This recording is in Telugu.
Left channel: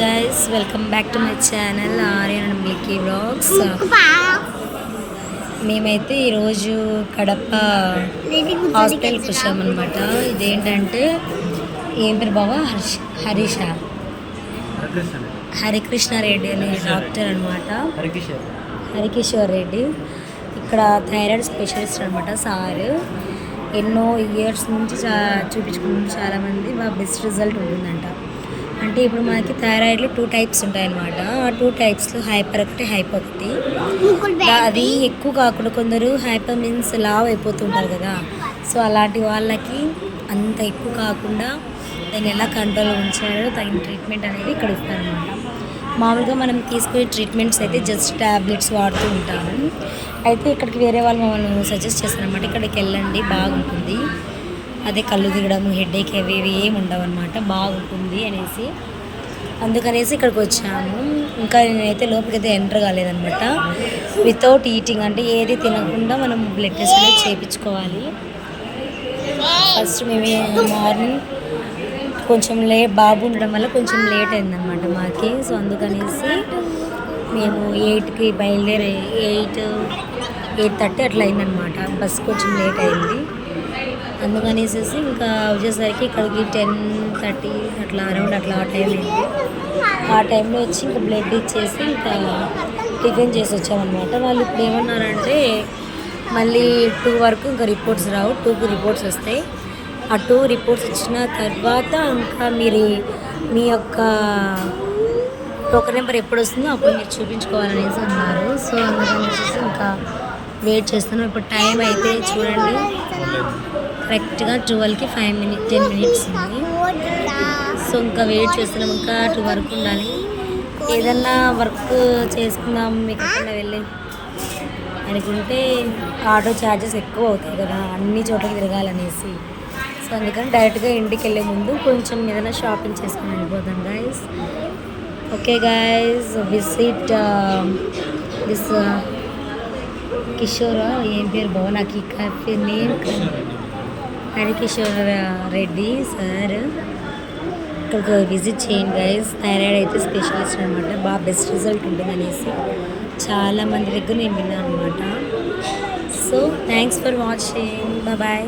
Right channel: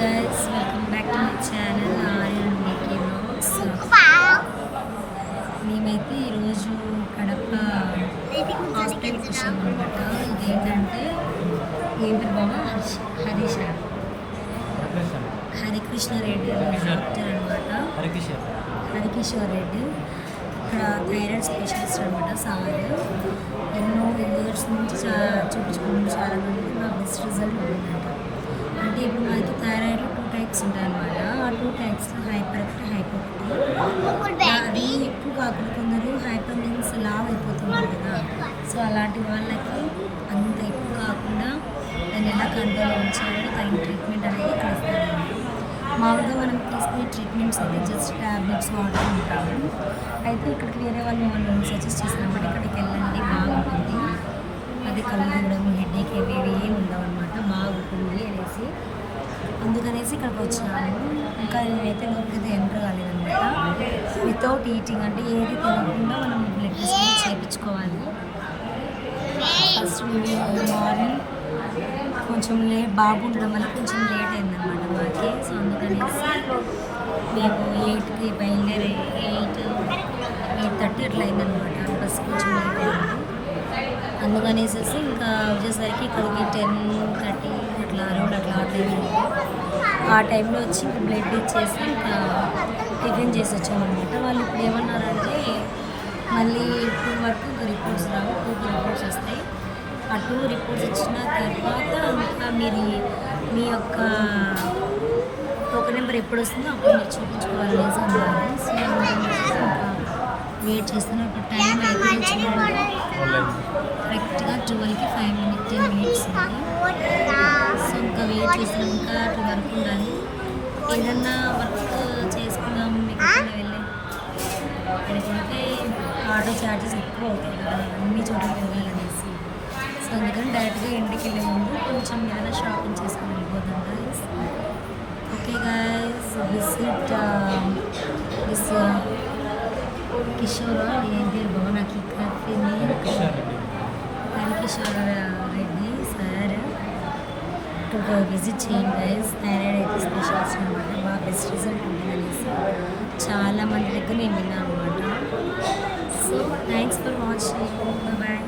Guys, welcome back to my channel Aryan Milky vlogs. మేమైతే ఈరోజు కడప హాస్పిటల్కి వచ్చామన్నమాట. ఇదేంటంటే ఏం పేరు బాబా? హరికృష్ణ రెడ్డి అనే డాక్టర్ అనమాట. హరికిషోర్ రెడ్డి ఇక్కడ థైరాయిడ్ స్పెషలిస్ట్ అనమాట. సార్ ఎన్నో ఇయర్స్ నుంచి చూపించుకుంటున్నారు చాలామంది. మా బెస్ట్ రిజల్ట్ ఉంటుందంట. అంటే ఇప్పుడు మనకి థైరాయిడ్లో 2 టైప్స్ ఉంటాయన్నమాట. ఆ 2 టైప్స్లో హైపర్ ఒకటి, హైపర్ ఒకటి. అది ఎక్కువ కాకుండా కొందరు హైపర్ మీన్స్ లావ్ అయిపోతుంటారు కదా. సో అలాంటి వాళ్ళకి అంత ఎక్కువ కాకుండా దాన్ని ఎలా కంట్రోల్లో ఉంచాలో తగిన ట్రీట్మెంట్ అనేది ఇక్కడ ఇస్తారన్నమాట. మామూలుగా మనం తీసుకునే ట్రీట్మెంట్స్ అయితే జస్ట్ ట్యాబ్లెట్స్ వాడుతూ ఉంటాము. అయితే ఇక్కడికి వేరే వాళ్ళు మమ్మల్ని సజెస్ట్ చేస్తారనమాట. ఇక్కడికి వెళ్ళండి, బాగుంటుంది. అదే కళ్ళు దిగడము, హెడేక్ అవి ఏమి ఉండవు అనమాట, బాగుంటుంది అనేసి అందుకనేసి ఇక్కడికి వచ్చాము. ఇంకా నేనైతే లోపలికైతే ఎంటర్ కాలేదనమాట. వితౌట్ ఈటింగ్ అంటే ఏది తినకుండా మనం బ్లడ్ టెస్ట్ అనేది చేయించుకోవాలి. ఫస్ట్ మేము మార్నింగ్ కొంచెం బాబు ఉండడం వల్ల కొంచెం లేట్ అయిందనమాట మాకి. సో అందుకనేసి మేము 8కి బయలుదేరి 8:30 అట్లా అయిందనమాట. బస్సు కొంచెం లేట్ అయింది. అందుకనేసి ఇంకా వచ్చేసరికి ఇక్కడికి 10:30 అట్లా అరౌండ్ అట్లా ఆ టైం అయింది. ఆ టైంలో వచ్చి ఇంకా బ్లడ్ ఇచ్చేసి ఇంకా టిఫిన్ చేసి వచ్చామన్నమాట. వాళ్ళు ఇప్పుడు ఏమన్నారంటే మళ్ళీ 2 వరకు ఇంకా రిపోర్ట్స్ రావు, 2కి రిపోర్ట్స్ వస్తాయి. ఆ 2 రిపోర్ట్స్ వచ్చిన తర్వాత ఇంకా మీరు మీ యొక్క టోకెన్ నెంబర్ ఎప్పుడు వస్తుందో అప్పుడు మీరు చూపించుకోవాలనేసి అన్నారు. సో అందుకని ఇంకా వెయిట్ చేస్తున్నాం. ఇప్పుడు టైం అయితే చూడండి, కరెక్ట్గా 12కి 10 మినిట్స్ ఉంది. సో ఇంకా వెయిట్ చేస్తున్నాం. ఇంకా 2 వరకు ఉండాలి. ఏదన్నా వర్క్ చేసుకుందాం మీకు ఎక్కడ వెళ్ళి అనుకుంటే ఆటో ఛార్జెస్ ఎక్కువ అవుతాయి కదా, అన్ని చోట్ల తిరగాలనేసి. సో అందుకని డైరెక్ట్గా ఇంటికి వెళ్ళే ముందు కొంచెం ఏదైనా షాపింగ్ చేసుకుని వెళ్ళిపోతాం guys. Okay guys, visit this Kishore, ఏం పేరు బాబా నాకు ఈ coffee name Hari Kishore Reddy sir. ఇక్కడికి విజిట్ చేయండి గైస్. థైరాయిడ్ అయితే స్పెషలిస్ట్ అనమాట. బాగా బెస్ట్ రిజల్ట్ ఉంటుంది అనేసి చాలామంది దగ్గర నేను విన్నాను అనమాట. So thanks for watching, bye.